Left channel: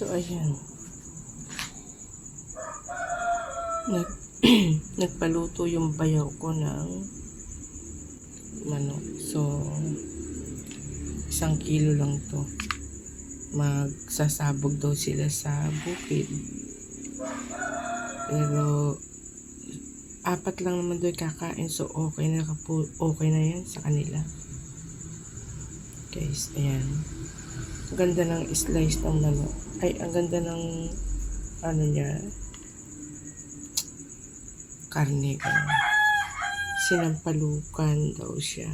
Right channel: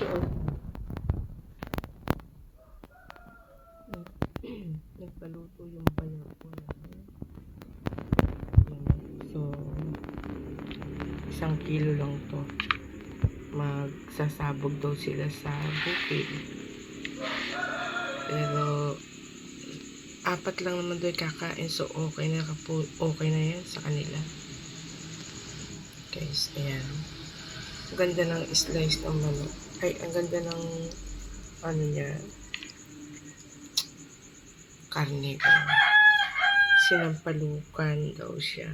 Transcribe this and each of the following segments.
So, ayan. Nagpaluto yung bayaw ko ng manok. So, 1 kilo lang to. Magsasabog daw sila sa bukid. Pero, 4 lang naman doon kakain. So, okay na yan sa kanila. Guys, ayan. Ang ganda ng slice ng manok. Ay, ang ganda ng ano niya. Karne ko. Sinampalukan daw siya.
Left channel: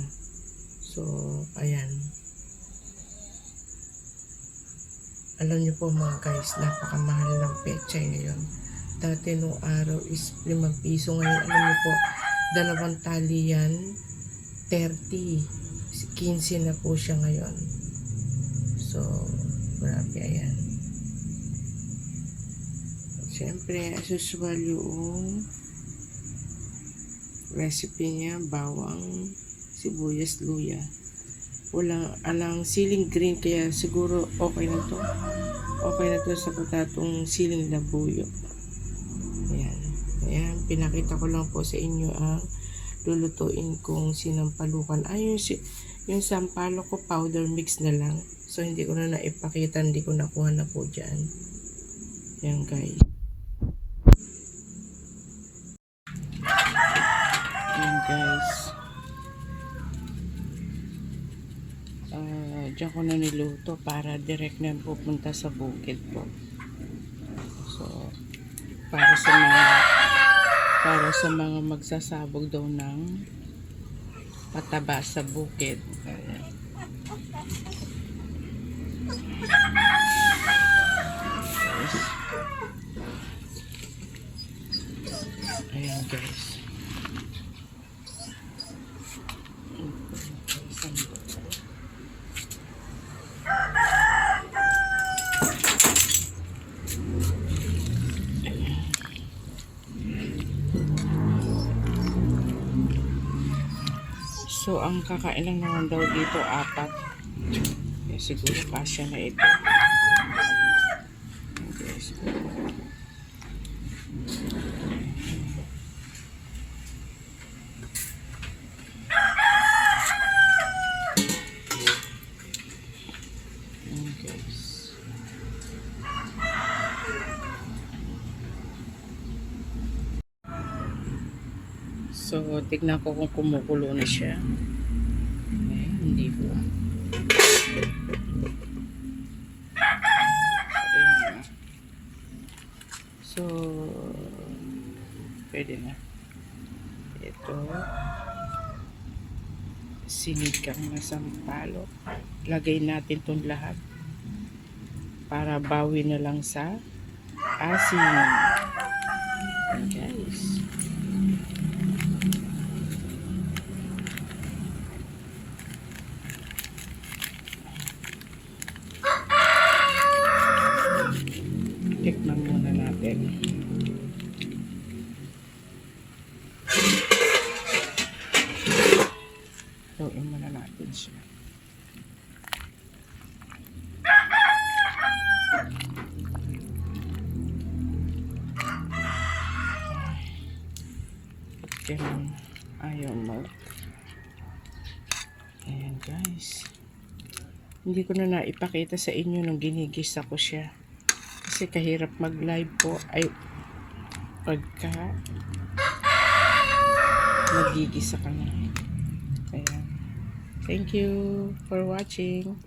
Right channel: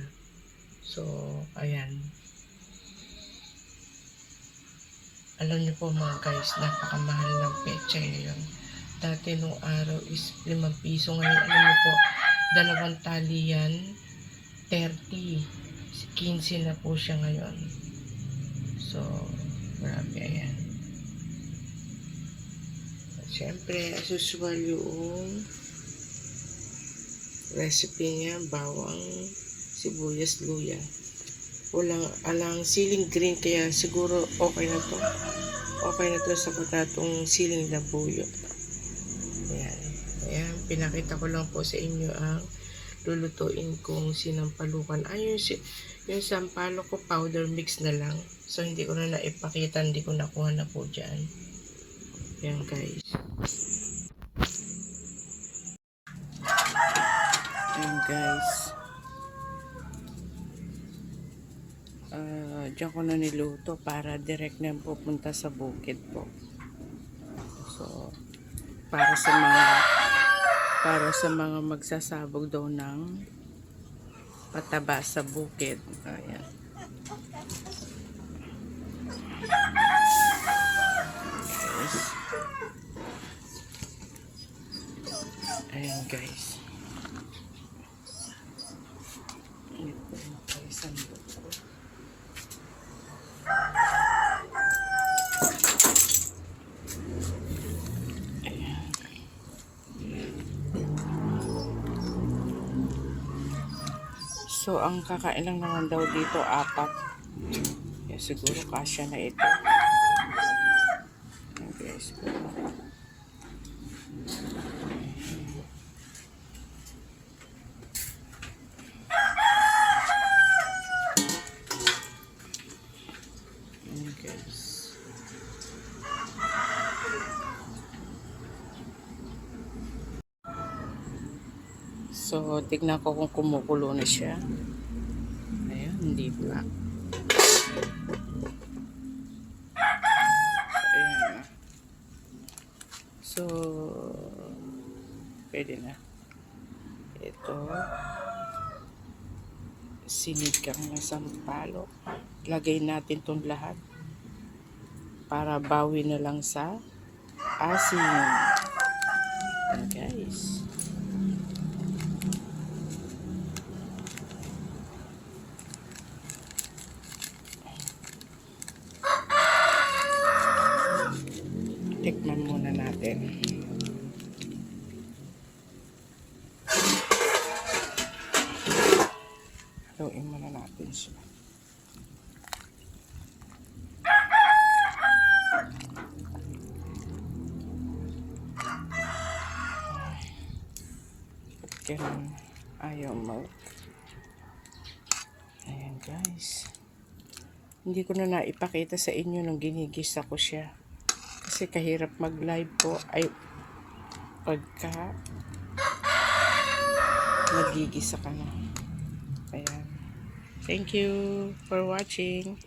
So, ayan. Alam niyo po mga guys, napakamahal ng pechay ngayon. Dati nung araw is 5 piso. Ngayon, alam niyo po, 2 tali yan, 30. 15 na po siya ngayon. So, grabe, ayan. Siyempre, as usual yung recipe niya, bawang, sibuyas, luya. Alang siling green, kaya siguro okay na to. Okay na to sa patatong siling na buyo. Ayan. Ayan, pinakita ko lang po sa inyo ang lulutuin kong sinampalukan. Ay, yung sampalo ko powder mix na lang. So, hindi ko na naipakita, hindi ko nakuha na po dyan. Ayan guys. Ayan guys. Diyan ko na niluto para direct na pupunta sa bukid po. So, para sa mga magsasabog daw ng pataba sa bukid. Ayan. Ayan guys. So, ang kakain lang naman daw dito 4. Kaya siguro kasya na ito. Ayan guys. Ayan guys. So, tignan ko kung kumukulo na siya. Ayan, hindi pa. Ayan. So, pwede na. Ito. Sinigang na sampalo. Lagay natin itong lahat. Para bawi na lang sa asin. Ayan guys. Tikman muna natin. Haluin muna natin siya. Ganun. Ayaw mag. Ayan guys. Hindi ko na naipakita sa inyo nung ginigisa ko siya. Kasi kahirap mag-live po ay pagka magigisa ka na. Ayan. Thank you for watching.